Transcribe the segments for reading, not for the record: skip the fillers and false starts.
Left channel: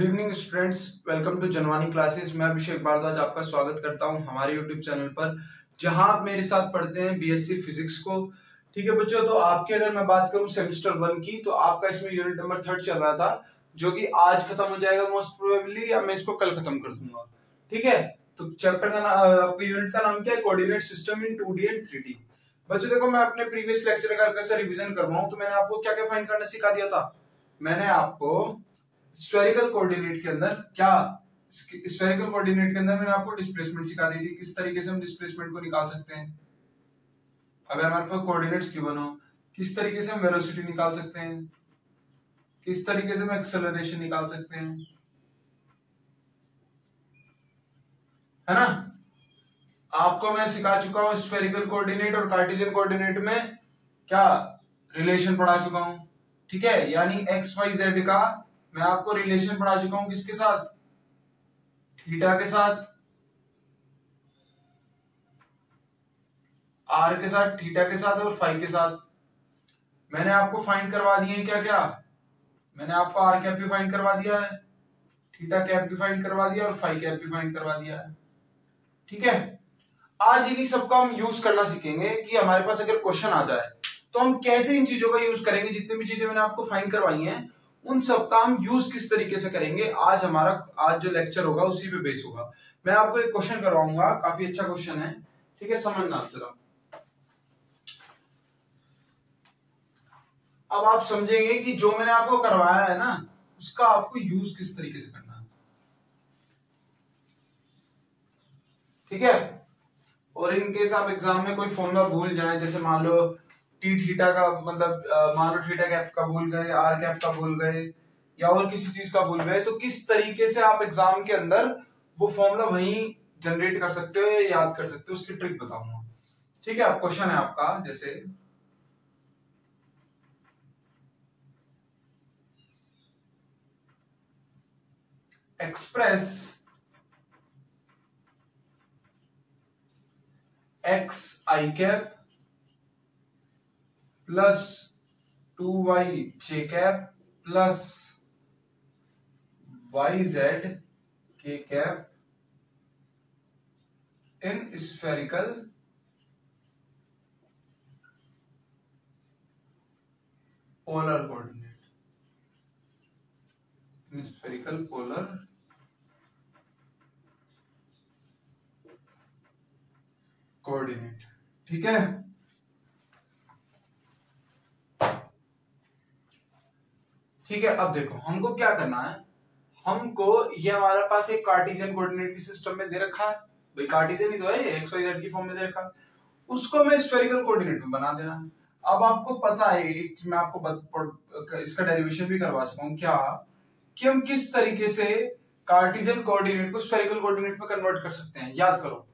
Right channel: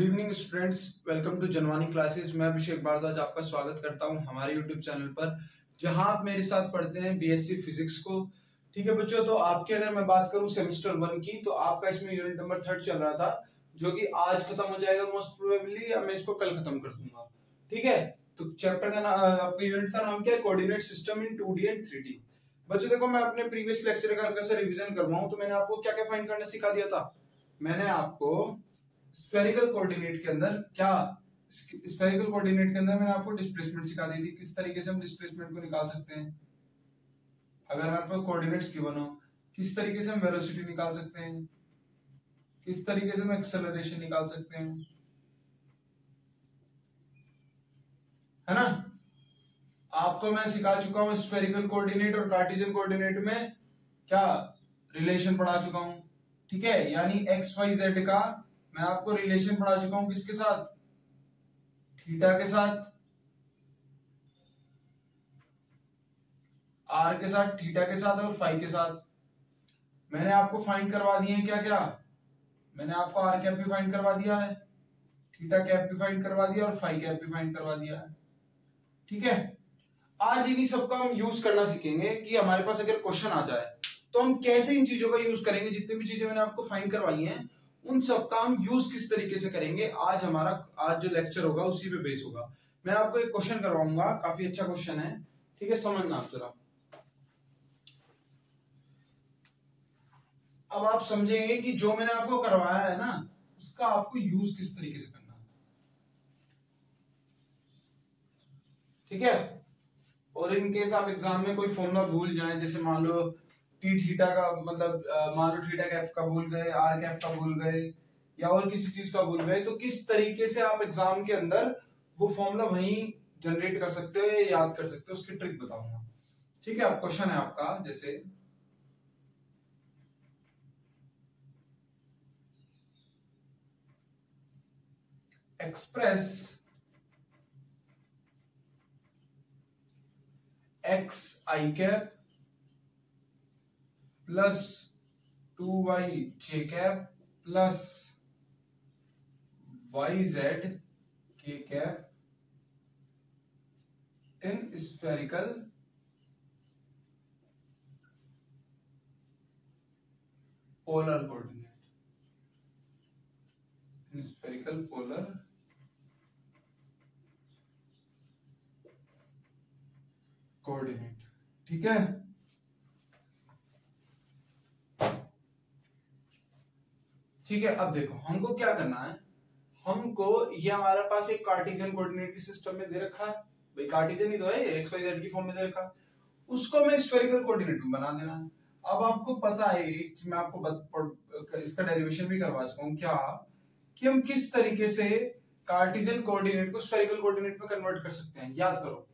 Good evening students, welcome to Janvani classes. मैं अभिषेक भारद्वाज आपका स्वागत करता हूं हमारे यूट्यूब चैनल पर, जहां आप मेरे साथ पढ़ते हैं बीएससी फिजिक्स को। ठीक है बच्चों, तो आपकी अगर मैं बात करूं सेमेस्टर 1 की, तो आपका इसमें यूनिट नंबर 3 चल रहा था, जो कि आज खत्म हो जाएगा मोस्ट प्रोबेबली, या मैं इसको कल खत्म कर दूंगा। ठीक है, तो चैप्टर का आपके यूनिट का नाम क्या है? Coordinate system in 2D and 3D। बच्चों देखो, मैं अपने प्रीवियस लेक्चर का हल्का सा रिवीजन करवाऊं तो मैंने आपको क्या क्या फाइंड करना सिखा दिया था। मैंने आपको स्फेरिकल कोऑर्डिनेट के अंदर स्फेरिकल कोऑर्डिनेट के अंदर मैंने आपको डिस्प्लेसमेंट सिखा दी थी, किस तरीके से हम डिस्प्लेसमेंट को निकाल सकते हैं। अगर हमारे पास कोऑर्डिनेट्स गिवन हो, किस तरीके से हम वेलोसिटी निकाल सकते हैं, किस तरीके से हम एक्सेलरेशन निकाल सकते हैं, है ना। आपको मैं सिखा चुका हूं स्फेरिकल कोऑर्डिनेट और कार्टेशियन कोऑर्डिनेट में क्या रिलेशन पढ़ा चुका हूं। ठीक है, यानी एक्स वाई जेड का मैं आपको रिलेशन पढ़ा चुका हूं, किसके साथ? थीटा के साथ, आर के साथ, थीटा के साथ और फाई के साथ। मैंने आपको फाइंड करवा दिए हैं क्या क्या? मैंने आपको आर कैप भी फाइंड करवा दिया है, थीटा कैप भी फाइंड करवा दिया और फाई कैप भी फाइंड करवा दिया है। ठीक है, आज इन्हीं सबका हम यूज करना सीखेंगे कि हमारे पास अगर क्वेश्चन आ जाए तो हम कैसे इन चीजों का यूज करेंगे। जितनी भी चीजें मैंने आपको फाइंड करवाई हैं उन सबका हम यूज किस तरीके से करेंगे, आज जो लेक्चर होगा उसी पे बेस होगा। मैं आपको एक क्वेश्चन करवाऊंगा, काफी अच्छा क्वेश्चन है। ठीक है, समझना जरा। अब आप समझेंगे कि जो मैंने आपको करवाया है ना, उसका आपको यूज किस तरीके से करना है। ठीक है, और इनकेस आप एग्जाम में कोई फॉर्मूला भूल जाए, जैसे मान लो टी थीटा का मतलब मान लो थीटा कैप का भूल गए, आर कैप का भूल गए, या और किसी चीज का भूल गए, तो किस तरीके से आप एग्जाम के अंदर वो फॉर्मूला वहीं जनरेट कर सकते हो या याद कर सकते हो, उसकी ट्रिक बताऊंगा। ठीक है, अब क्वेश्चन है आपका, जैसे एक्सप्रेस एक्स आई कैप प्लस 2y जे कैप प्लस वाई जेड के cap in spherical polar coordinate, in spherical polar coordinate. ठीक है, ठीक है। अब देखो हमको क्या करना है, हमको ये हमारे पास एक कार्टेशियन कोऑर्डिनेट की सिस्टम में दे रखा है, भाई कार्टेशियन ही तो है, एक्स वाई जेड की फॉर्म में दे रखा है, उसको मैं स्फेरिकल कोऑर्डिनेट में बना देना है। अब आपको पता है, मैं आपको इसका डेरिवेशन भी करवा चुका हूं क्या, कि हम किस तरीके से कार्टेशियन कोऑर्डिनेट को स्फेरिकल कोऑर्डिनेट में कन्वर्ट कर सकते हैं। याद करो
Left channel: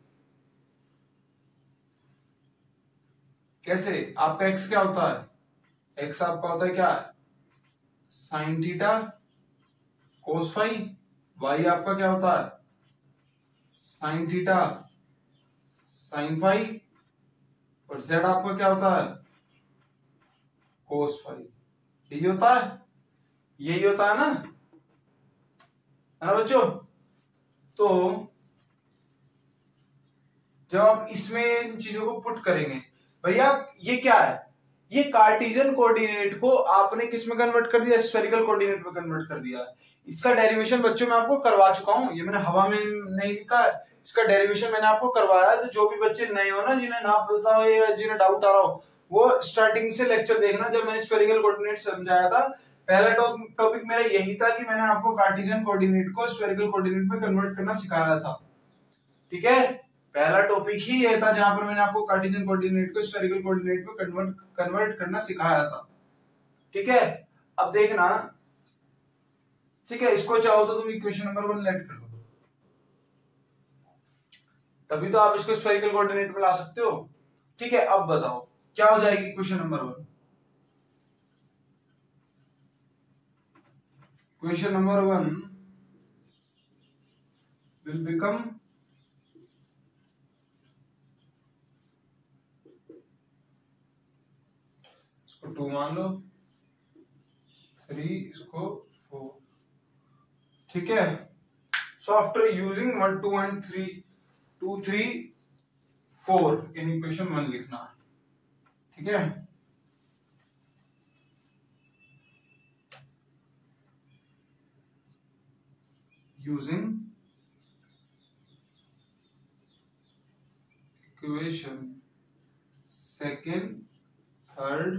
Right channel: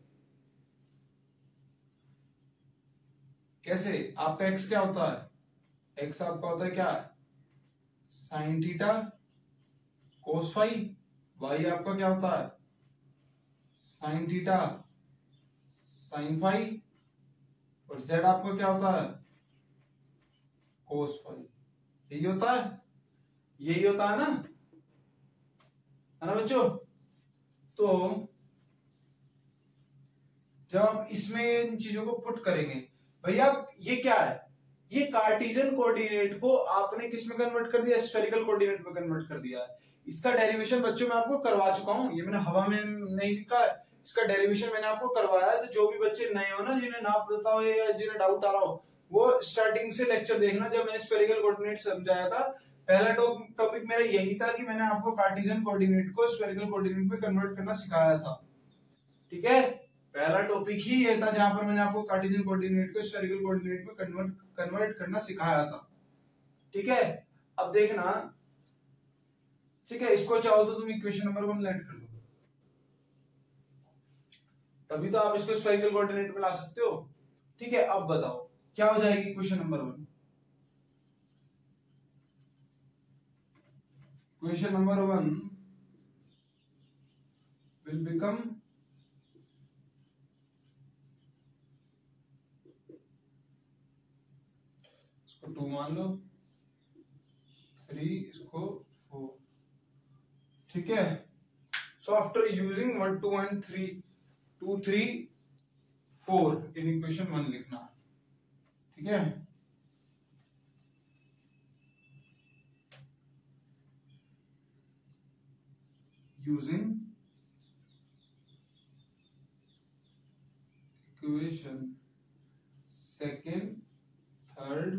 कैसे। आपका एक्स क्या होता है? एक्स आपका होता है क्या? Sine theta cos phi. Y आपका क्या होता है? Sine theta sine phi. और जेड आपका क्या होता है? Cos phi. यही होता है, यही होता है ना, है ना बच्चों। तो जब आप इसमें इन चीजों को पुट करेंगे, भैया ये क्या है, ये कार्टेशियन कोऑर्डिनेट को आपने किस में कन्वर्ट कर दिया? स्फेरिकल कोऑर्डिनेट में कन्वर्ट कर दिया है। इसका डेरिवेशन बच्चों मैं आपको करवा चुका हूं, ये मैंने हवा में नहीं लिखा है, इसका डेरिवेशन मैंने आपको करवाया है। तो जो भी बच्चे नए हो ना, जिन्हें ना पता हो या जिन्हें डाउट आ रहा हो, वो स्टार्टिंग से लेक्चर देखना, जब मैंने स्फेरिकल कोऑर्डिनेट समझाया था। पहला टॉपिक मेरा यही था कि मैंने आपको कार्टेशियन कोऑर्डिनेट को स्फेरिकल कोऑर्डिनेट में कन्वर्ट करना सिखाया था। ठीक है, पहला टॉपिक ही यह था जहां पर मैंने आपको कार्टेशियन कोऑर्डिनेट को स्फेरिकल कोऑर्डिनेट में कन्वर्ट करना सिखाया था। ठीक है, अब देखना। ठीक है, इसको चाहो तो तुम इक्वेशन नंबर 1 लेट कर लो, तभी तो आप इसको स्फेरिकल कोऑर्डिनेट में ला सकते हो। ठीक है, अब बताओ क्या हो जाएगी equation number 1। Equation number 1 will become इसको 2 मान लो, 3 इसको 4। ठीक है। So after using 1 2 and 3 2 3 4 in equation 1 लिखना, ठीक है। Using equation second, third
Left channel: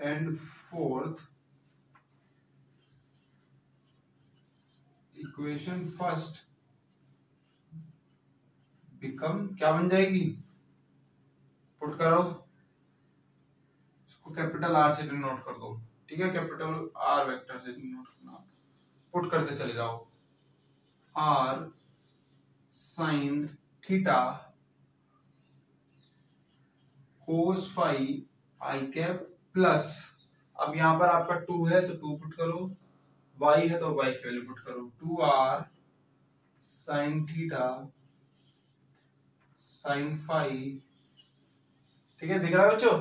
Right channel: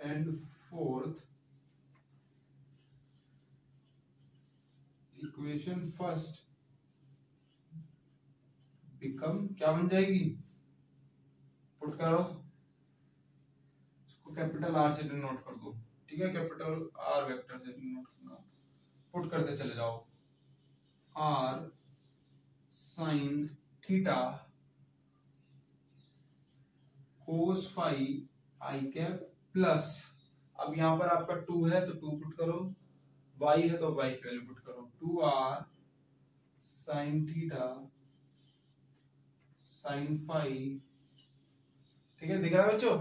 and fourth, equation first become क्या बन जाएगी, पुट करो, इसको कैपिटल आर से डिनोट कर दो, ठीक है, कैपिटल आर वेक्टर से डिनोट करना, पुट करते चले जाओ, R sine theta cos phi i cap plus, अब यहां पर आपका 2 है तो 2 पुट करो, y है तो y की वैल्यू पुट करो, 2r sine theta sine phi, ठीक है, दिख रहा है बच्चों।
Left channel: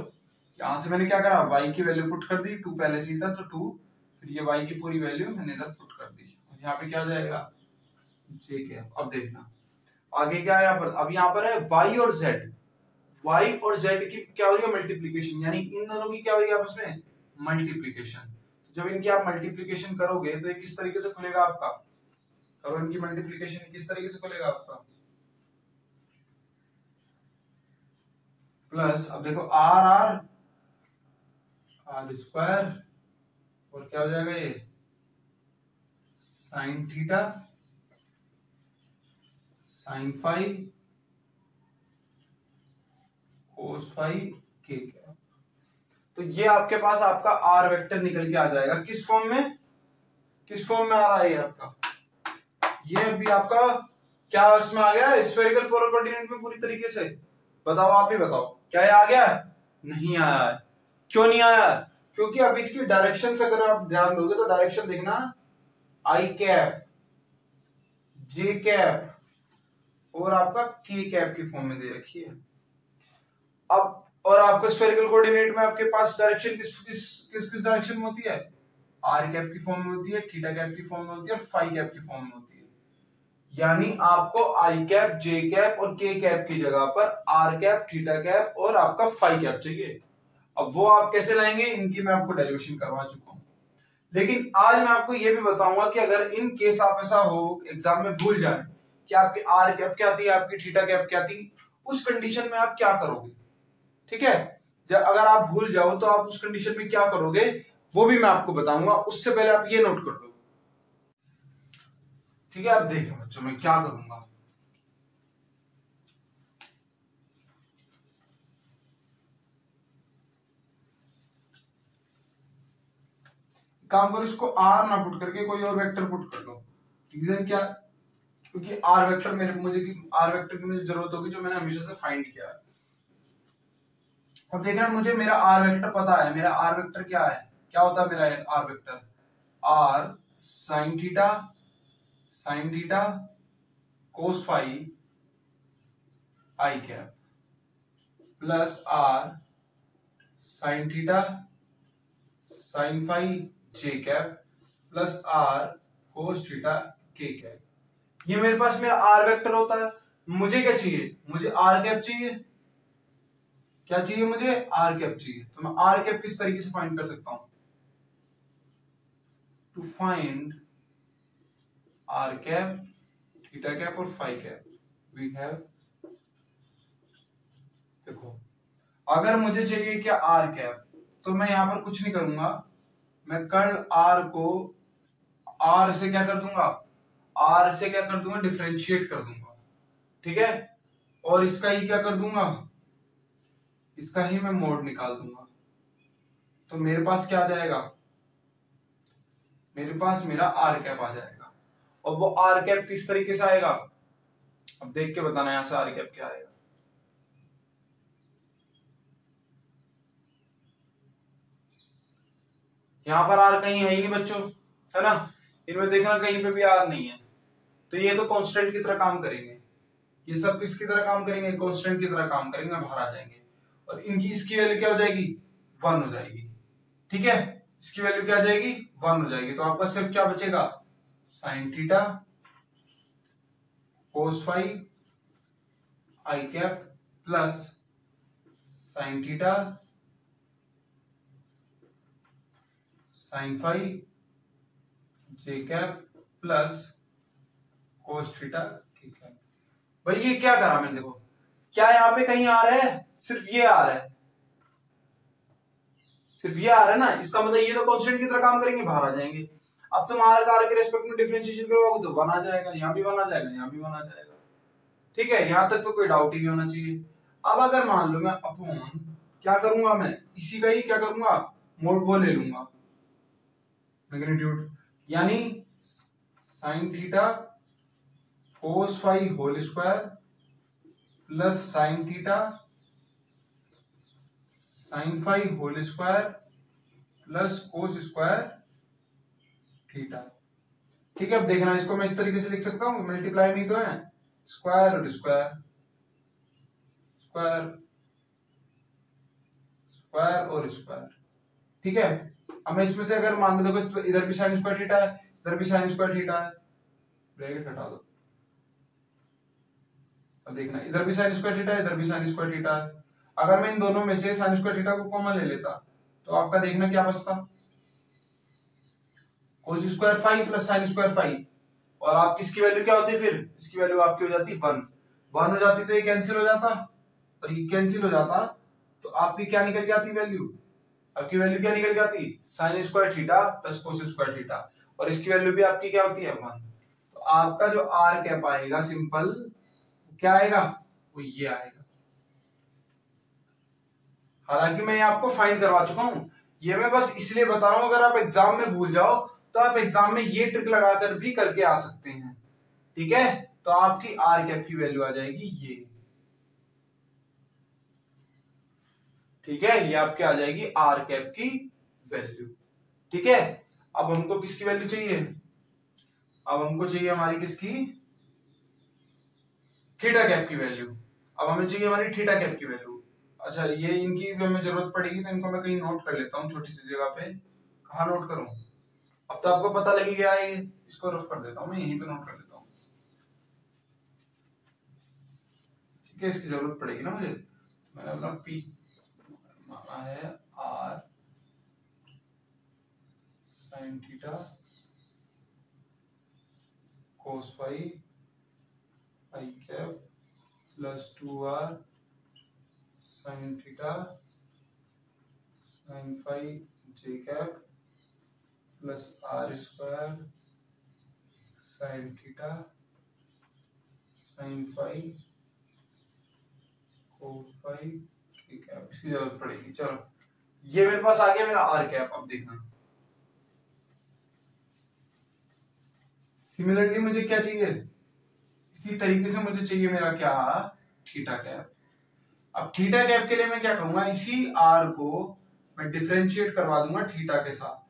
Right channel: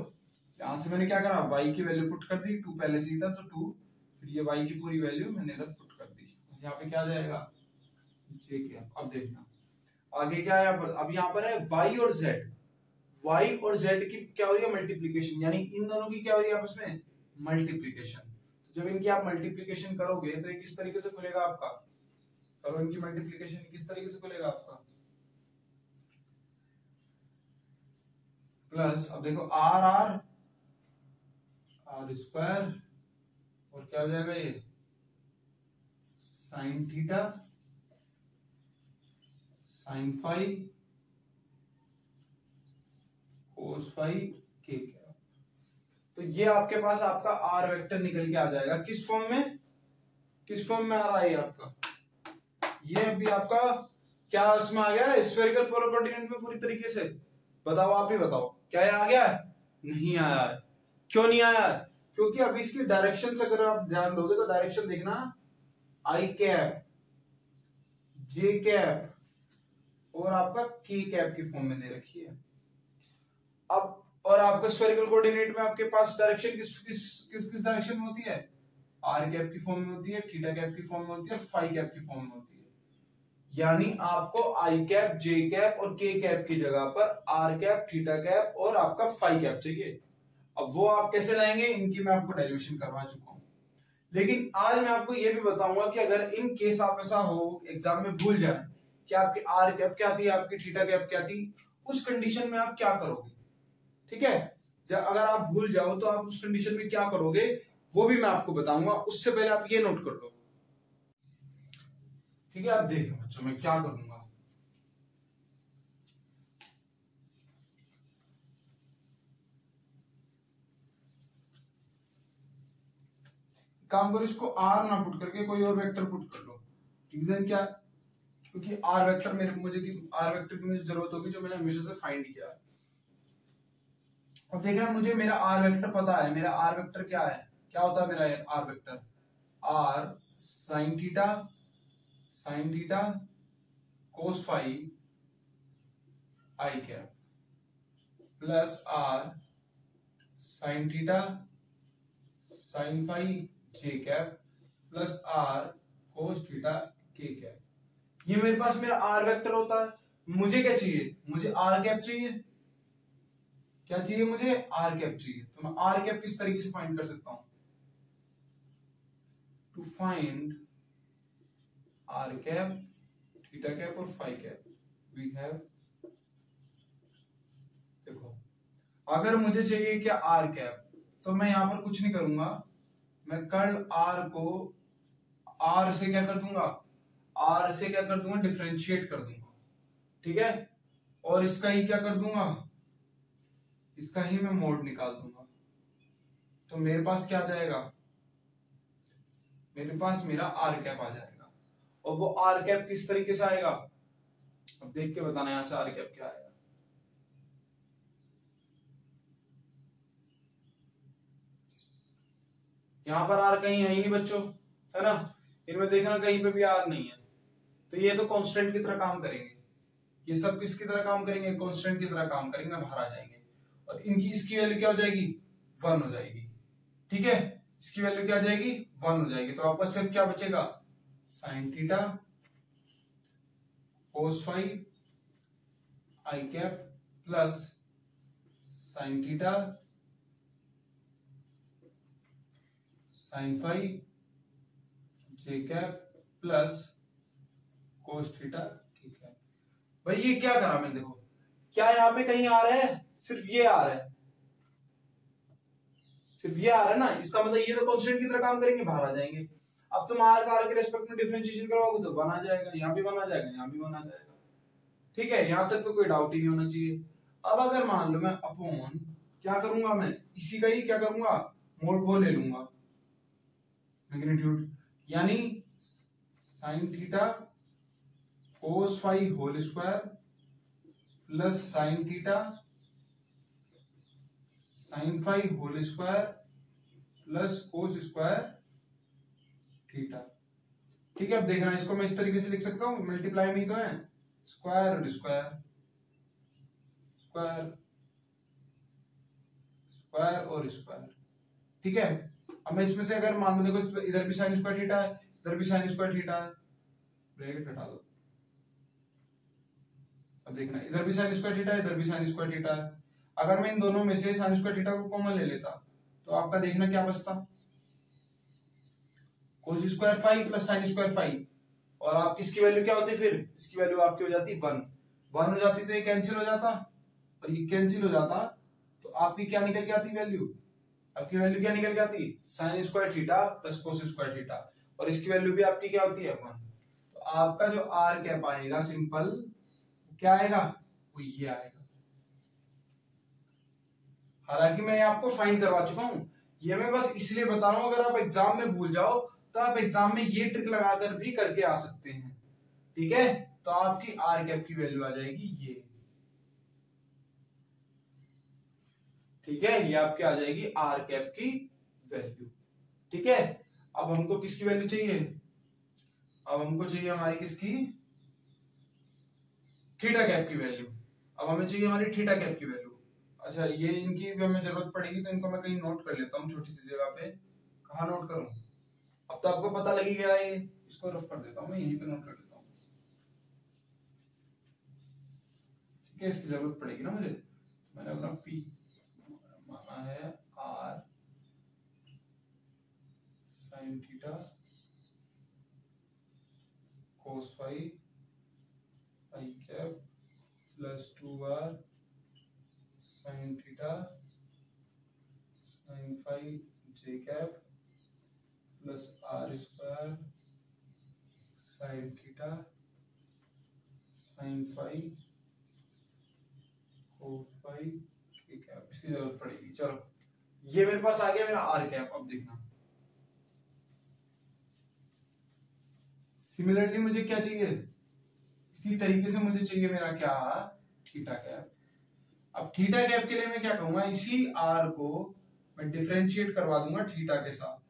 यहां से मैंने क्या करा, y की वैल्यू पुट कर दी, 2 पहले से ही था तो 2, फिर ये y की पूरी वैल्यू मैंने इधर पुट कर दी, यहाँ पे क्या जाएगा j कैप। अब देखना आगे क्या है, अब यहाँ पर है y और z, y और z की क्या हो रही है मल्टीप्लीकेशन, यानी इन दोनों की क्या हो रही है आपस में मल्टीप्लीकेशन। जब इनकी आप मल्टीप्लीकेशन करोगे तो ये किस तरीके से खुलेगा आपका, करो इनकी मल्टीप्लीकेशन किस तरीके से खुलेगा आपका, प्लस, अब देखो आर आर आर स्क्वायर और क्या हो जाएगा ये sine theta sine phi cos phi k cap. तो ये आपके पास आपका आर वेक्टर निकल के आ जाएगा, किस फॉर्म में, किस फॉर्म में आ रहा है ये आपका, ये अभी आपका क्या इसमें आ गया स्फेरिकल पोलर कोऑर्डिनेट में पूरी तरीके से, बताओ आप ही बताओ क्या ये आ गया, नहीं आया, क्यों नहीं आया, क्योंकि अब इसकी डायरेक्शन से अगर आप ध्यान दोगे तो डायरेक्शन देखना आई कैप जे कैप और आपका के कैप की फॉर्म में दे रखी है। अब और आपको स्फेरिकल कोऑर्डिनेट में आपके पास डायरेक्शन किस किस किस किस डायरेक्शन में होती है, आर कैप की फॉर्म में होती है, थीटा कैप की फॉर्म में होती है और फाई कैप की फॉर्म में होती है। यानी आपको आई कैप जे कैप और के कैप की जगह पर आर कैप थीटा कैप और आपका फाई कैप चाहिए। अब वो आप कैसे लाएंगे, इनकी मैं आपको डेरिवेशन करवा चुका हूं, लेकिन आज मैं आपको ये भी बताऊंगा कि अगर इन केस आप ऐसा हो एग्जाम में भूल जाए कि आपकी आर कैप क्या थी, आपकी थीटा कैप क्या थी, उस कंडीशन में आप क्या करोगे, ठीक है। जब अगर आप भूल जाओ तो आप उस कंडीशन में क्या करोगे वो भी मैं आपको बताऊंगा, उससे पहले आप ये नोट कर लो, ठीक है। आप देख लो बच्चों मैं क्या करूंगा, काम करो इसको आर ना पुट करके कोई और वेक्टर पुट कर लो, रीजन क्या, क्योंकि आर वेक्टर आर वेक्टर की मुझे जरूरत होगी जो मैंने हमेशा से फाइंड किया है। अब देखना मुझे मेरा आर वेक्टर पता है, मेरा आर वेक्टर क्या है, क्या होता है मेरा R vector, R sine theta cos phi i cap plus R sine theta sine phi j cap plus R cos theta k cap. ये मेरे पास मेरा आर वेक्टर होता है। मुझे क्या चाहिए, मुझे आर कैप चाहिए, क्या चाहिए मुझे आर कैप चाहिए। तो मैं आर कैप किस तरीके से फाइंड कर सकता हूं, to find R cap theta cap और फाई कैप वी हैव, देखो अगर मुझे चाहिए क्या आर कैप, तो मैं यहां पर कुछ नहीं करूंगा, मैं कर्ल आर को आर से क्या कर दूंगा, आर से क्या कर दूंगा डिफरेंशिएट कर दूंगा, ठीक है, और इसका ही क्या कर दूंगा, इसका ही मैं मोड निकाल दूंगा। तो मेरे पास क्या आ जाएगा, मेरे पास मेरा आर कैप आ जाएगा। और वो आर कैप किस तरीके से आएगा, अब देख के बताना यहां से आर कैप क्या आएगा। यहां पर आर कहीं है ही नहीं बच्चों, है ना, इनमें देखना कहीं पे भी आर नहीं है, तो ये तो कांस्टेंट की तरह काम करेंगे, ये सब किसकी तरह काम करेंगे, कांस्टेंट की तरह काम करेंगे, बाहर आ जाएंगे और इनकी इसकी वैल्यू क्या हो जाएगी 1 हो जाएगी, ठीक है, इसकी वैल्यू क्या आ जाएगी 1 हो जाएगी। तो आपका सिर्फ क्या बचेगा, sine theta cos phi i cap plus sine theta sine phi j cap plus cos theta k cap. भाई ये क्या करा मैंने, देखो क्या यहाँ पे कहीं आ रहा है, सिर्फ ये आ रहा है, सिर्फ ये आ रहा है ना, इसका मतलब ये तो कांस्टेंट की तरह काम करेंगे, बाहर आ जाएंगे। अब तुम आर का आर के रेस्पेक्ट में डिफरेंशिएशन करोगे तो 1 आ जाएगा, यहाँ भी 1 आ जाएगा, यहाँ भी 1 आ जाएगा। ठीक है, यहाँ तक तो कोई डाउट ही नहीं होना चाहिए। अब अगर मान लो मैं अपॉन क्या करूंगा, मैं इसी का ही क्या करूंगा, मोड वो ले लूंगा मैग्नीट्यूड, यानी sine theta cos phi whole square plus sine theta sine phi whole square plus cos square theta. ठीक है, अब देखना इसको मैं इस तरीके से लिख सकता हूँ, मल्टीप्लाई में तो है, square root square square square और स्क्वायर। ठीक है, अब मैं इसमें से अगर मान लो देखो इधर भी साइन स्क्वायर थीटा है, इधर भी साइन स्क्वायर थीटा है, ब्रैकेट हटा दो। अब देखना इधर भी साइन स्क्वायर थीटा है, इधर भी साइन स्क्वायर थीटा है। अगर मैं इन दोनों में से साइन स्क्वायर थीटा को कॉमन ले लेता तो आपका देखना क्या बचता, cos square phi plus sine square phi, और आप इसकी वैल्यू क्या होती है, फिर इसकी वैल्यू आपकी हो जाती 1 1 हो जाती, तो ये कैंसिल हो जाता और ये कैंसिल हो जाता, तो आपकी क्या निकल के आती वैल्यू, आपकी वैल्यू क्या निकल के आती, sign square theta plus cos square theta, और इसकी वैल्यू भी आपकी क्या होती है 1। तो आपका जो आर कैप आएगा सिंपल क्या आएगा, वो ये आएगा। हालांकि मैं आपको फाइंड करवा चुका हूं, ये मैं बस इसलिए बता रहा हूं, अगर आप एग्जाम में भूल जाओ तो आप एग्जाम में ये ट्रिक लगाकर भी करके आ सकते हैं। ठीक है, तो आपकी आर कैप की वैल्यू आ जाएगी ये। ठीक है, ये आपके आ जाएगी आर कैप की वैल्यू। ठीक है, अब हमको किसकी वैल्यू चाहिए, अब हमको चाहिए हमारी किसकी, थीटा कैप की वैल्यू। अब हमें चाहिए हमारी थीटा कैप की वैल्यू। अच्छा, ये इनकी भी हमें जरूरत पड़ेगी, तो इनको मैं कहीं नोट कर लेता हूँ छोटी सी जगह पे। कहाँ नोट करूं, अब तो आपको पता लगी गया है, इसको रफ कर देता हूँ मैं, यहीं पे नोट कर लेता हूँ। ठीक है, इसकी जरूरत पड़ेगी ना मुझे, मैंने अपना पी माना है R sine theta cos phi i cap plus 2r sine theta sine phi j cap plus R square sine theta sine phi cos phi j cap, इसकी जरूरत पड़ेगी। चलो, ये मेरे पास आ गया मेरा आर कैप। अब देखना सिमिलरली मुझे क्या चाहिए, इसी तरीके से मुझे चाहिए मेरा क्या, थीटा कैप। अब थीटा कैप के लिए मैं क्या कहूंगा, इसी आर को मैं डिफरेंशिएट करवा दूंगा थीटा के साथ,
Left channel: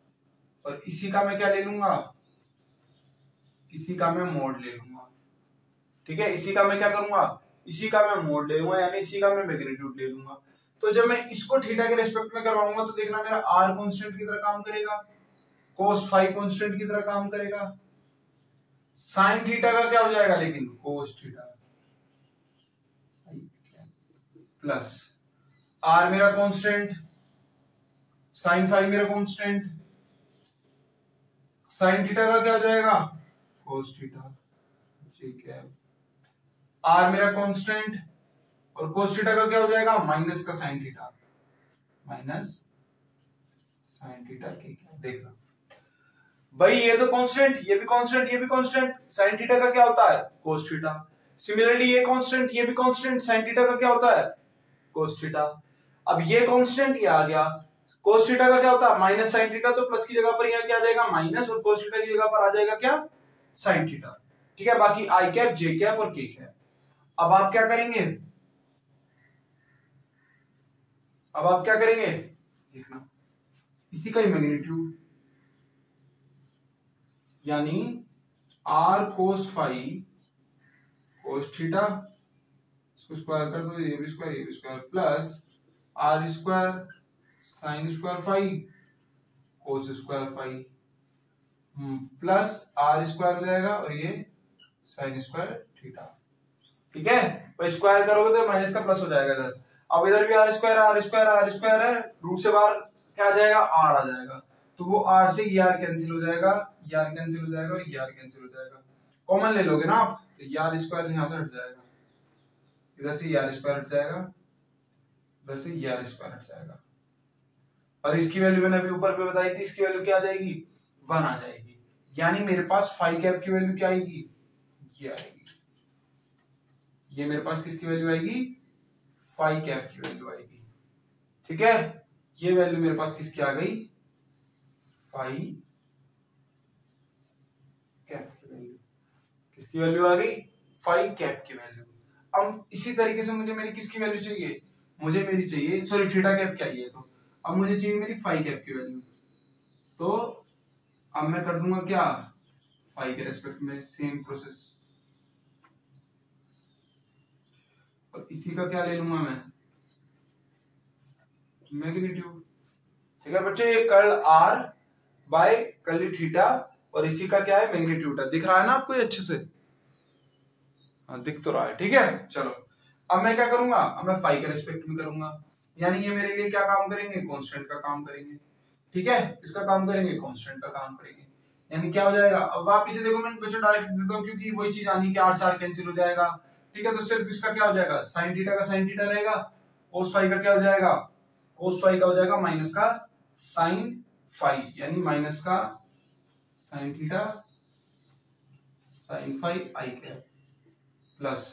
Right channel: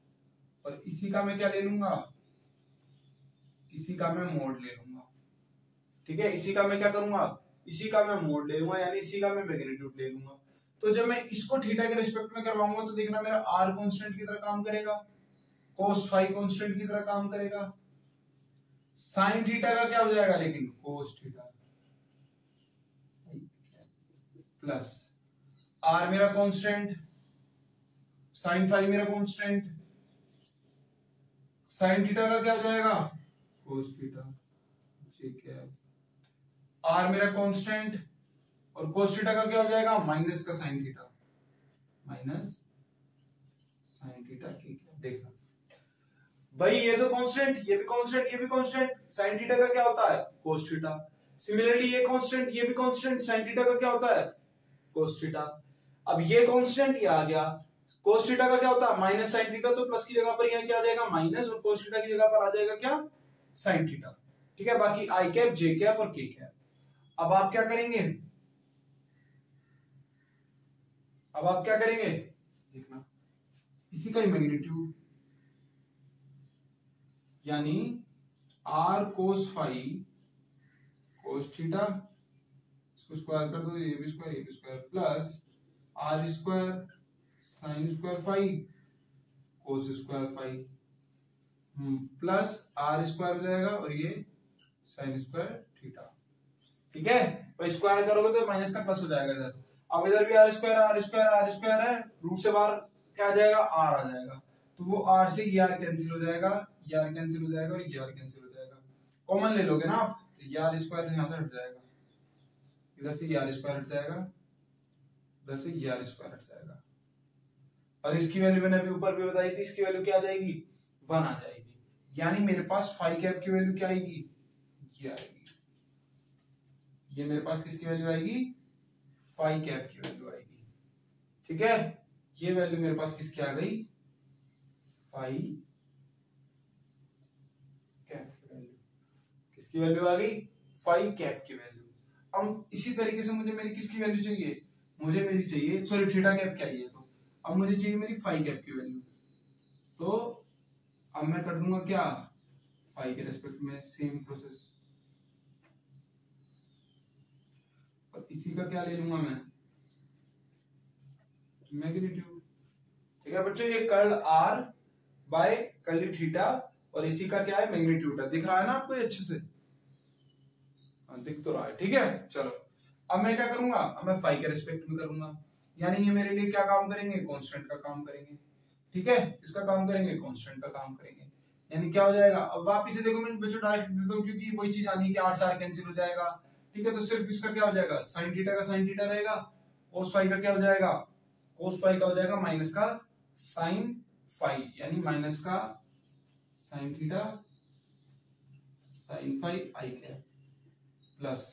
और इसी का मैं क्या ले लूंगा, इसी का मैं मोड ले लूंगा। ठीक है, इसी का मैं क्या करूंगा, इसी का मैं मोड ले लूंगा, यानी इसी का मैं मैग्नीट्यूड ले लूंगा। तो जब मैं इसको थीटा के रिस्पेक्ट में करवाऊंगा तो देखना मेरा आर कांस्टेंट की तरह काम करेगा, कोस फाई कांस्टेंट की तरह काम करेगा, साइन थीटा का क्या हो जाएगा लेकिन कोस थीटा, प्लस आर मेरा कांस्टेंट, साइन फाई मेरा कांस्टेंट, साइन थीटा का क्या हो जाएगा कोस थीटा, ठीक है, आर मेरा कांस्टेंट और कोस थीटा का क्या हो जाएगा माइनस का sine theta, minus sine theta की क्या। देखना भाई, ये तो कांस्टेंट, ये भी कांस्टेंट, ये भी कांस्टेंट, साइन थीटा का क्या होता है कोस थीटा। सिमिलरली ये कांस्टेंट, ये भी कांस्टेंट, साइन थीटा का क्या होता है कोस थीटा। अब ये कांस्टेंट ये आ गया, कोस थीटा का क्या होता है माइनस साइन थीटा, तो प्लस की जगह पर यहाँ क्या आ जाएगा माइनस, और कोस थीटा की जगह पर आ जाएगा क्या साइन थीटा। ठीक है, बाकी आई कैप जे कैप और के कैप। अब आप क्या करेंगे, अब आप क्या करेंगे देखना, इसी का ही मैग्नीट्यूड, यानी R cos phi cos theta, इसको स्क्वायर कर दो, ये भी स्क्वायर ये भी square, plus R square sine square phi cos square phi plus R square हो जाएगा और ये साइन स्क्वायर थीटा। ठीक है, तो स्क्वायर करोगे तो माइनस का प्लस हो जाएगा इधर। अब इधर भी R square R square R square है, रूट से बाहर क्या आ जाएगा, आर आ जाएगा, तो वो आर से ये आर कैंसिल हो जाएगा, ये आर कैंसिल हो जाएगा और ये आर कैंसिल हो जाएगा। कॉमन ले लोगे ना आप, तो ये आर स्क्वायर यहाँ से हट जाएगा, इधर से ये आर स्क्वायर हट जाएगा, इधर से ये आर स्क्वायर हट जाएगा, और इसकी वैल्यू मैंने अभी ऊपर पे बताई थी, इसकी वैल्यू क्या आ जाएगी, 1 आ जाएगी। यानी मेरे पास फाई कैप की वैल्यू क्या आएगी, ये आएगी। ये मेरे पास किसकी वैल्यू आएगी, फाई कैप की वैल्यू आएगी। ठीक है, ये वैल्यू मेरे पास किसकी आ गई, फाई कैप की वैल्यू। किसकी वैल्यू आ गई, फाई कैप की वैल्यू। अब इसी तरीके से मुझे मेरी किसकी वैल्यू चाहिए, मुझे मेरी चाहिए, सॉरी थीटा कैप क्या है, तो अब मुझे चाहिए मेरी फाई कैप की वैल्यू। तो अब मैं कर दूंगा क्या, फाई के रेस्पेक्ट में सेम प्रोसेस, और इसी का क्या ले लूंगा मैं, मैग्नीट्यूड। ठीक है बच्चों, ये curl R by curly theta, और इसी का क्या है, मैग्नीट्यूड है। दिख रहा है ना आपको ये अच्छे से, हाँ दिख तो रहा है। ठीक है, चलो अब मैं क्या करूंगा, अब मैं फाई के रेस्पेक्ट में करूंगा, यानी ये मेरे लिए क्या काम करेंगे, कांस्टेंट का काम करेंगे। ठीक है, इसका काम करेंगे, कांस्टेंट का काम करेंगे, यानी क्या हो जाएगा। अब वापिस से देखो, मैं बच्चों डायरेक्ट देता हूँ क्योंकि वही चीज आनी कि आर से आर कैंसिल हो जाएगा। ठीक है, तो सिर्फ इसका क्या हो जाएगा, साइन थीटा का साइन थीटा रहेगा, कोस फाई का क्या हो जाएगा, कोस फाई का हो जाएगा माइनस का साइन फाई, यानी माइनस का sign theta sine phi i cap, plus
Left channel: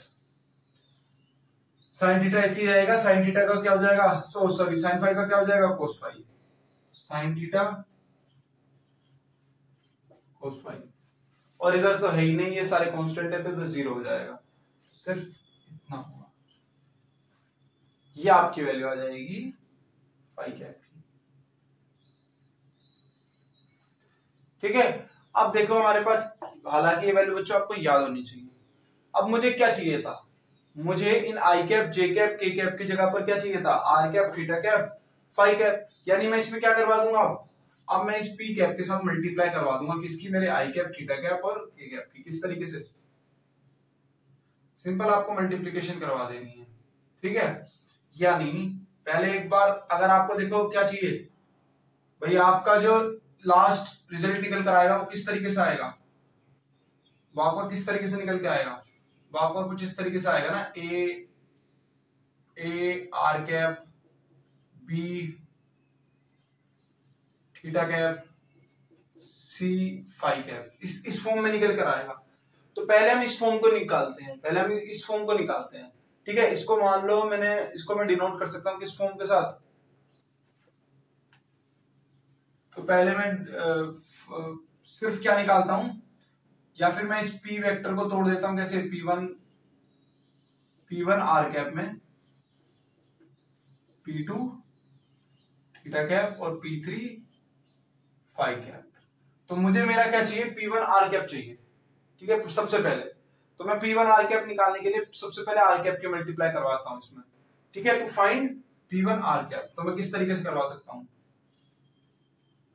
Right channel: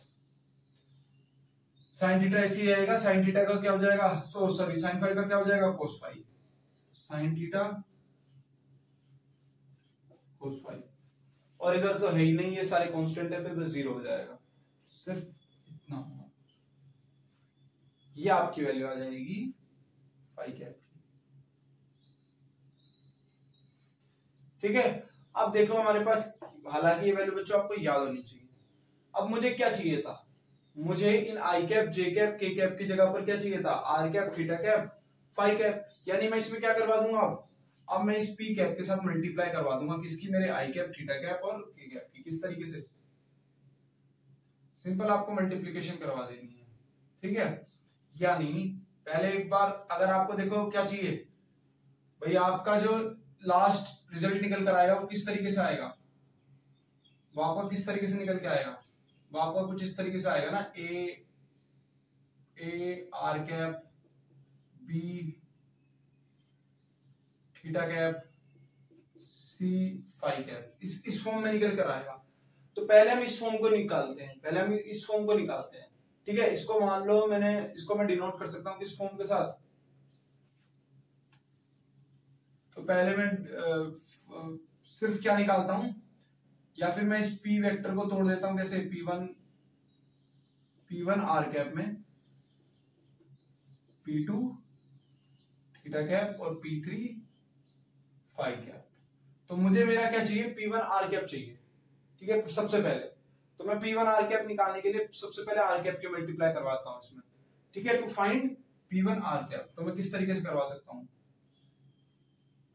sine theta ऐसे ही रहेगा, साइन थीटा का क्या हो जाएगा, सॉरी साइन फाई का क्या हो जाएगा, cos phi, sine theta cos phi, और इधर तो है ही नहीं, ये सारे कांस्टेंट है, तो इधर 0 हो जाएगा, सिर्फ इतना होगा, ये आपकी वैल्यू आ जाएगी फाई कैप की। ठीक है, अब देखो हमारे पास, हालांकि ये वैल्यू बच्चों आपको याद होनी चाहिए। अब मुझे क्या चाहिए था, मुझे इन i cap j cap k cap की जगह पर क्या चाहिए था, R cap theta cap phi cap, यानी मैं इसमें क्या करवा दूंगा, अब मैं इस पी कैप के साथ मल्टीप्लाई करवा दूंगा, किसकी, मेरे आई कैप थीटा कैप और के कैप की। किस तरीके से, सिंपल आपको मल्टीप्लीकेशन करवा देनी है। ठीक है, यानी पहले एक बार अगर आपको देखो क्या चाहिए भाई, आपका जो लास्ट रिजल्ट निकल कर आएगा वो किस तरीके से आएगा, वो आपका किस तरीके से निकल के आएगा, वो आपका कुछ इस तरीके से आएगा ना, A R cap, B theta cap, C phi cap, इस फॉर्म में निकल कर आएगा। तो पहले हम इस फॉर्म को निकालते हैं, पहले हम इस फॉर्म को निकालते हैं। ठीक है, इसको मान लो इसको मैं डिनोट कर सकता हूं किस फॉर्म के साथ, तो पहले मैं सिर्फ क्या निकालता हूं, या फिर मैं इस पी वेक्टर को तोड़ देता हूं, कैसे, P1 आर कैप में, P2 थीटा कैप और P3 फाई कैप। तो मुझे मेरा क्या चाहिए, P1 आर कैप चाहिए। ठीक है, सबसे पहले तो मैं P1 आर कैप निकालने के लिए सबसे पहले आर कैप के मल्टीप्लाई करवाता हूं इसमें। ठीक है, to find P1 are cap, तो मैं किस तरीके से करवा सकता हूं,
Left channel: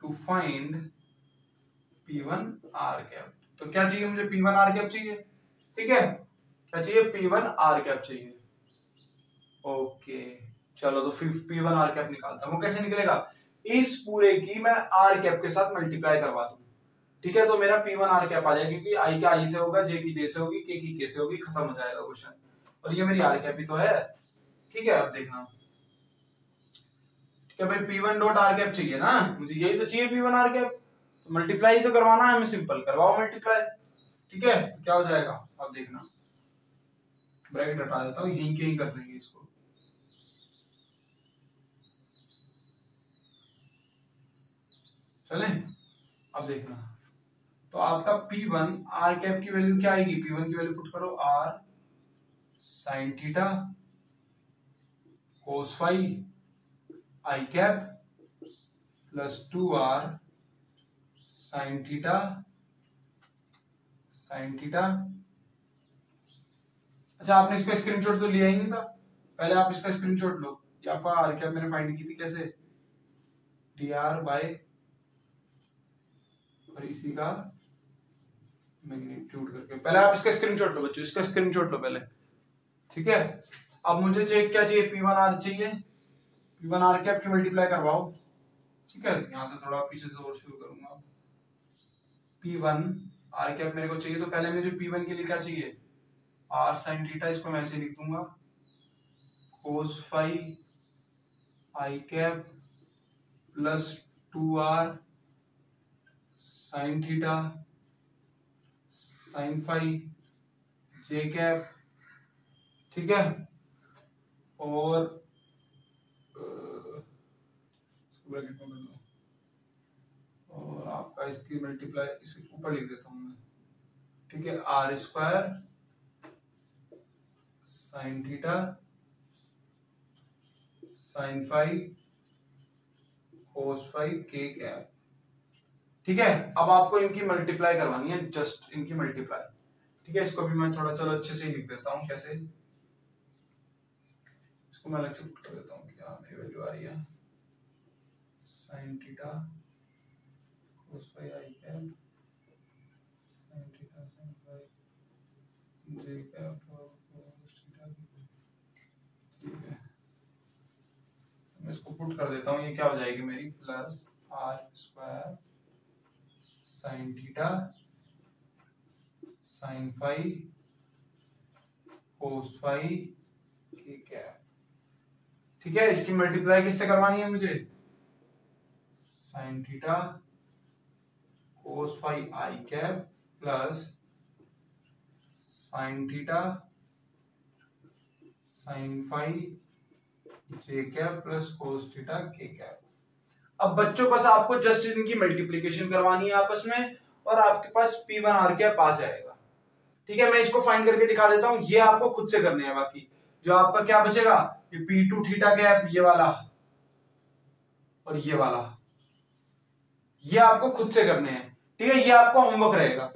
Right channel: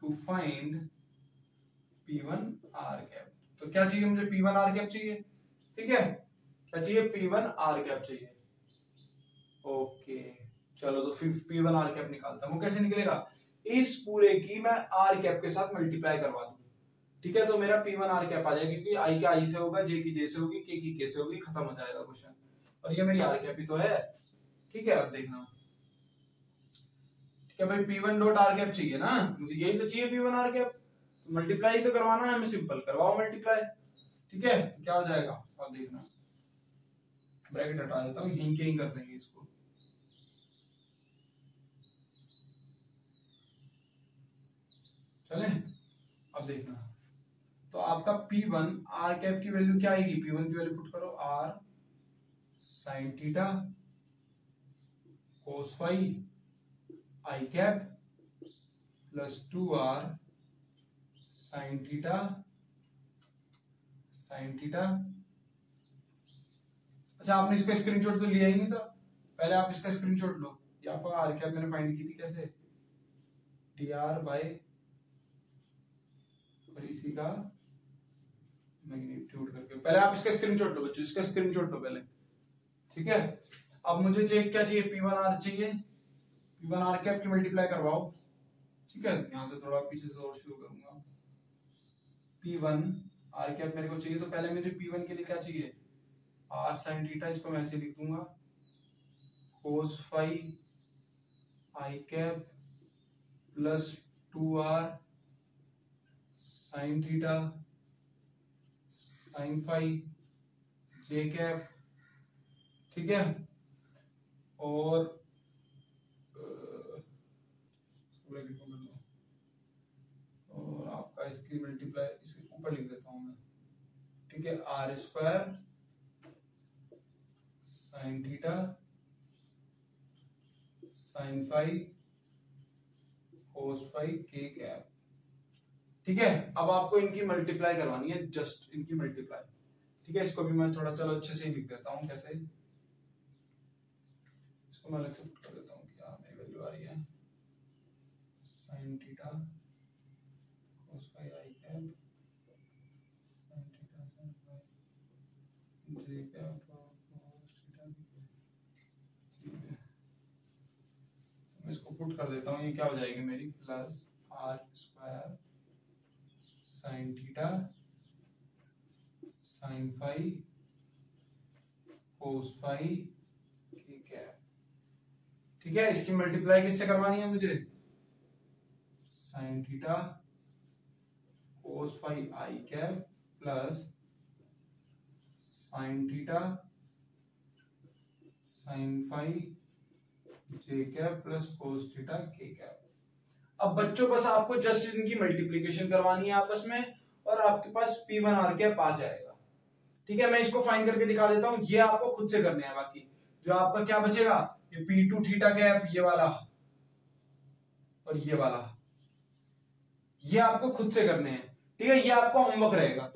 to find P1 are cap, तो क्या चाहिए मुझे, P1 आर कैप चाहिए। ठीक है, क्या चाहिए, P1 आर कैप चाहिए। ओके चलो, तो फिर P1 आर कैप निकालता हूं, वो कैसे निकलेगा, इस पूरे की मैं आर कैप के साथ मल्टीप्लाई करवा दूं। ठीक है, तो मेरा P1 आर कैप आ जाएगा, क्योंकि आई का आई से होगा, जे की जे से होगी, के की के से होगी, खत्म हो जाएगा क्वेश्चन, और ये मेरी आर कैप ही तो है। ठीक है, अब देखना, ठीक है भाई, P1 डॉट आर कैप चाहिए ना, मुझे यही तो चाहिए, P1 आर कैप, तो मल्टीप्लाई तो करवाना है हमें, सिंपल करवाओ मल्टीप्लाई। ठीक है, तो क्या हो जाएगा, अब देखना, ब्रैकेट हटा देता हूँ, यहीं के ही कर देंगे इसको, चले। अब देखना, तो आपका P1 आर कैप की वैल्यू क्या आएगी, P1 की वैल्यू पुट करो, R sine theta cos phi i cap plus 2r sine theta sine theta. अच्छा, आपने इसका स्क्रीनशॉट तो लिया ही नहीं था, पहले आप इसका स्क्रीनशॉट लो। यहाँ पर आर कैप मैंने फाइंड की थी कैसे, dr बाय और इसी का मैग्नीट्यूड करके। पहले आप इसका स्क्रीनशॉट लो बच्चों, इसका स्क्रीनशॉट लो पहले, ठीक है। अब मुझे चाहिए क्या, चाहिए P1R चाहिए, P1R कैप की मल्टीप्लाई करवाओ, ठीक है। यहाँ से थोड़ा पीछे से और शुरू करूंगा। P1R कैप मेरे को चाहिए, तो पहले मुझे P1 के लिए क्या चाहिए, R sin थीटा, इसको मैं ऐसे लिख दूंगा cos phi I cap plus 2R sin theta sin phi J cap, ठीक है। और और आपका इसकी मल्टीप्लाई इसके ऊपर लिख देता हूं मैं, ठीक है। R square sin theta sin phi cos phi K cap, ठीक है। अब आपको इनकी मल्टीप्लाई करवानी है, जस्ट इनकी मल्टीप्लाई, ठीक है। इसको भी मैं थोड़ा चलो अच्छे से लिख देता हूं, कैसे, इसको मैं अलग से पुट कर देता हूं, क्या मेरी वैल्यू आ रही है, sin theta cos phi I cap sin theta sin phi J cap और cos थीटा, ठीक है। मैं इसको पुट कर देता हूं, ये क्या हो जाएगी मेरी, plus R square sin theta sin phi cos phi K cap, ठीक है। इसकी मल्टीप्लाई किससे करवानी है मुझे, sin theta cos phi I cap plus sin theta sin phi J cap plus cos theta K cap. अब बच्चों बस आपको जस्ट इनकी मल्टीप्लिकेशन करवानी है आपस में, और आपके पास P1R कैप आ जाएगा, ठीक है। मैं इसको फाइंड करके दिखा देता हूं, ये आपको खुद से करने हैं। बाकी जो आपका क्या बचेगा, ये P2 थीटा कैप, ये वाला और ये वाला, ये आपको खुद से करने हैं, ठीक है। ये आपका होमवर्क रहेगा,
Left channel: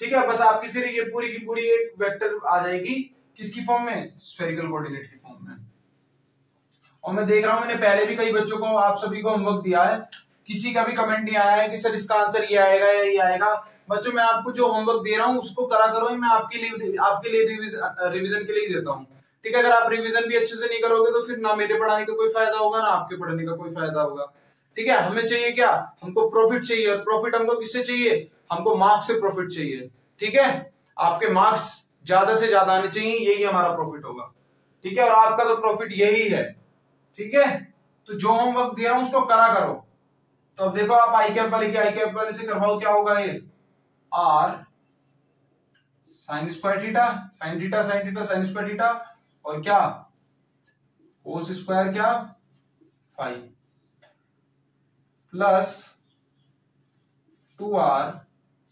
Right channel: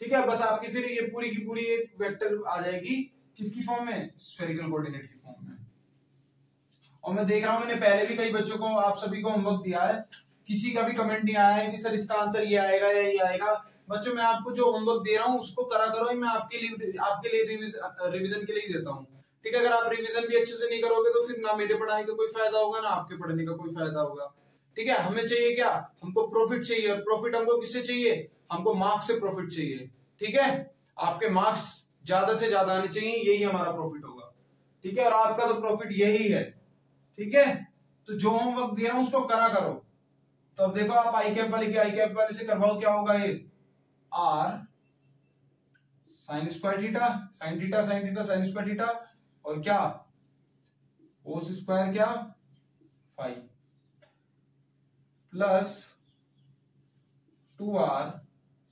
ठीक है। बस आपकी फिर ये पूरी की पूरी एक वेक्टर आ जाएगी, किसकी फॉर्म में, स्फेरिकल कोऑर्डिनेट की फॉर्म में। और मैं देख रहा हूं मैंने पहले भी कई बच्चों को, आप सभी को होमवर्क दिया है, किसी का भी कमेंट नहीं आया है कि सर इसका आंसर ये आएगा या ये आएगा। बच्चों मैं आपको जो होमवर्क दे रहा हूँ उसको करा करो, मैं आपके लिए रिवीजन के लिए देता हूँ, ठीक है। अगर आप रिवीजन भी अच्छे से नहीं करोगे तो फिर ना मेरे पढ़ाने का कोई फायदा होगा, ना आपके पढ़ने का कोई फायदा होगा, ठीक है। हमें चाहिए क्या, हमको प्रॉफिट चाहिए, और प्रॉफिट हमको किससे चाहिए, हमको मार्क्स से प्रॉफिट चाहिए, ठीक है। आपके मार्क्स ज्यादा से ज्यादा आने चाहिए, यही हमारा प्रॉफिट होगा, ठीक है। और आपका तो प्रॉफिट यही है, ठीक है। तो जो होमवर्क दे रहा हूं उसको करा करो। तो अब देखो आप आई कैप वाले से करवाओ, क्या होगा ये, R sine square theta sine theta sine theta sine square theta, और क्या कोस स्क्वायर क्या phi, plus 2R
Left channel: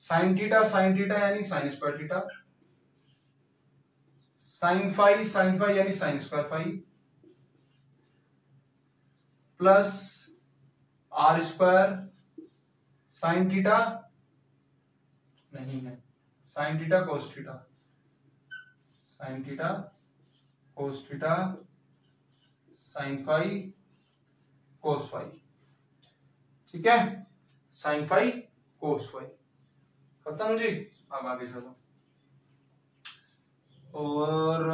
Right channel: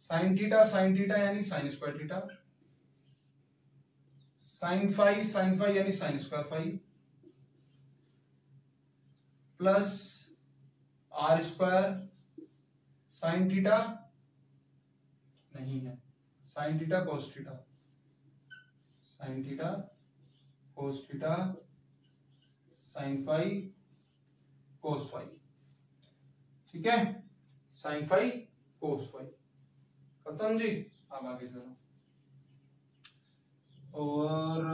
sine theta यानी sine square theta, sine phi यानी sine square phi, plus R square sine theta नहीं है, sine theta cos theta, sine theta cos theta sine phi cos phi, ठीक है। Sign phi cos phi खत्म जी। अब आगे चलो, और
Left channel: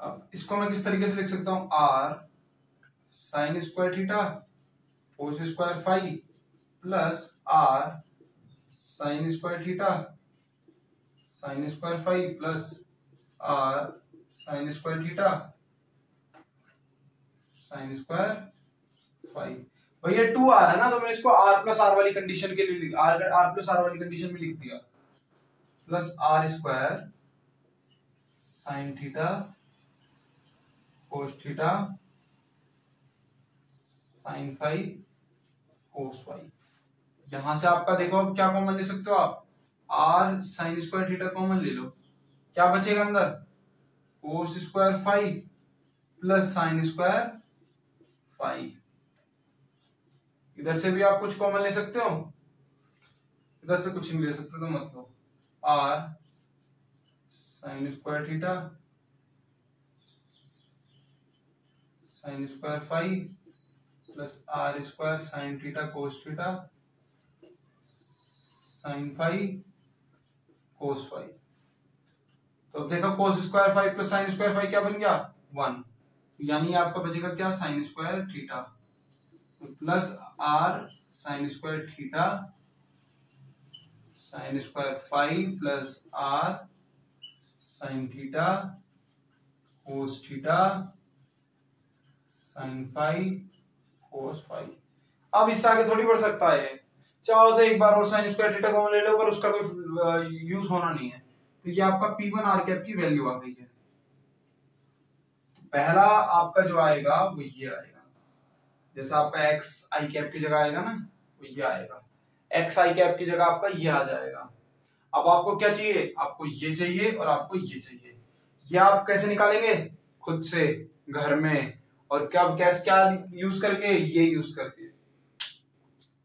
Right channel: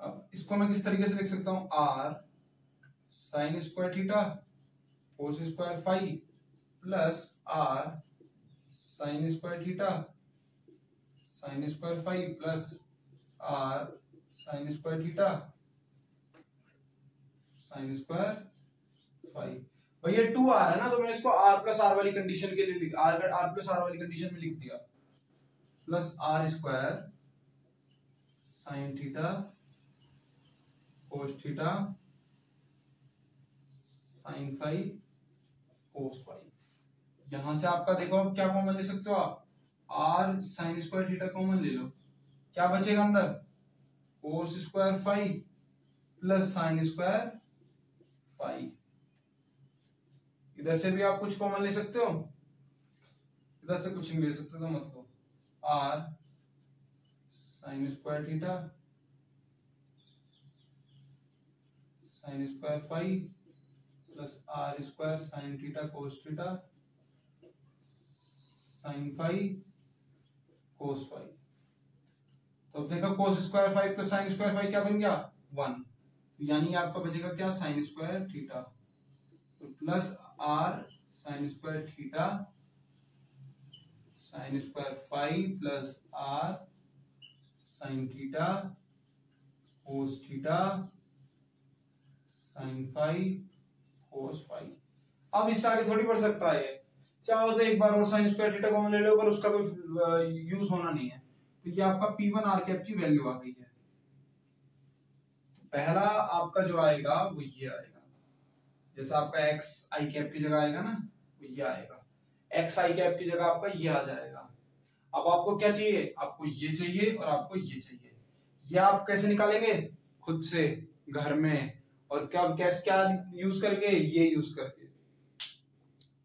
अब इसको मैं किस तरीके से लिख सकता हूं, R sine square theta cos square phi plus R sine square theta sine square phi plus R sine square theta sine square phi. भैया 2R है ना, तो मैं इसको R प्लस R वाली कंडीशन के लिए R प्लस R वाली कंडीशन में लिख दिया, plus R square sine theta cos theta sine phi cos phi. यहां से आपका देखो क्या कॉमन ले सकते हो आप, R sine square theta common ले लो, क्या बचेगा अंदर, cos square phi plus sine square phi. इधर से भी आप कुछ कॉमन ले सकते हो, इधर से कुछ नहीं ले सकते तो मतलब R sine square theta sine square phi plus R square sine theta cos theta sine phi cos phi. तो अब देखो cos square phi plus sine square phi क्या बन गया 1, यानी आपका बचेगा क्या sine square theta plus R sine square theta sine square phi plus R sine theta cos theta sine phi cos phi. अब इससे आगे थोड़ी बढ़ सकता है, चाहो तो एक बार और साइन स्क्वायर थीटा कॉमन ले लो, पर उसका कोई यूज होना नहीं है। तो ये आपका P1 आर कैप की वैल्यू आ गई है। तो पहला आपका जो आएगा वो ये आएगा, जैसा आपका एक्स आई कैप की जगह आएगा ना, वो ये आएगा, एक्स आई कैप की जगह आपका ये आ जाएगा। अब आपको क्या चाहिए, आपको ये चाहिए और आपको ये चाहिए। ये आप कैसे निकालेंगे, खुद से घर में, और क्या कैसे क्या यूज करके, ये यूज करके,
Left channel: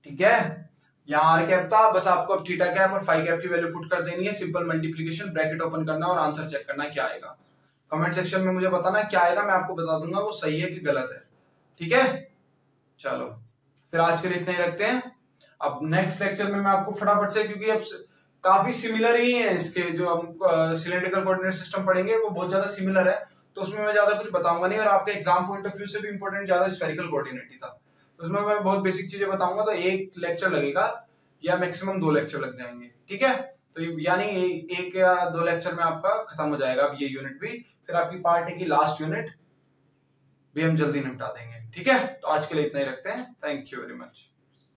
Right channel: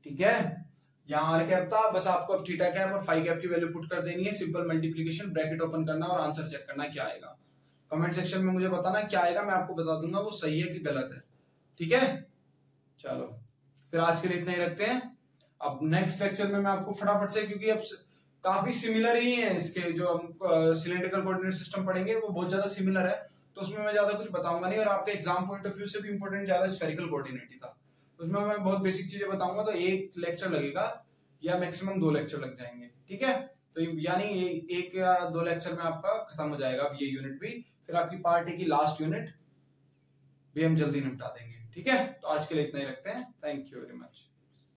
ठीक है। यहाँ आर कैप था, बस आपको अब थीटा कैप और फाई कैप की वैल्यू पुट कर देनी है, सिंपल मल्टीप्लिकेशन, ब्रैकेट ओपन करना और आंसर चेक करना क्या आएगा। कमेंट सेक्शन में मुझे बताना क्या आएगा, मैं आपको बता दूंगा वो सही है कि गलत है, ठीक है। चलो फिर आज के लिए इतना ही रखते हैं। अब नेक्स्ट लेक्चर में मैं आपको फटाफट से, क्योंकि अब काफी सिमिलर ही है इसके, जो हम सिलेंड्रिकल कोऑर्डिनेट सिस्टम पढ़ेंगे वो बहुत ज्यादा सिमिलर है, तो उसमें मैं ज्यादा कुछ बताऊंगा नहीं, और आपके एग्जाम पॉइंट ऑफ व्यू से भी इंपॉर्टेंट ज्यादा स्फेरिकल कोऑर्डिनेट ही था, उसमें मैं बहुत बेसिक चीजें बताऊंगा। तो एक लेक्चर लगेगा या मैक्सिमम 2 लेक्चर लग जाएंगे, ठीक है। तो यानी एक या 2 लेक्चर में आपका खत्म हो जाएगा अब ये यूनिट भी, फिर आपकी पार्ट ए की लास्ट यूनिट भी हम जल्दी निपटा देंगे, ठीक है। तो आज के लिए इतना ही रखते हैं, थैंक यू वेरी मच।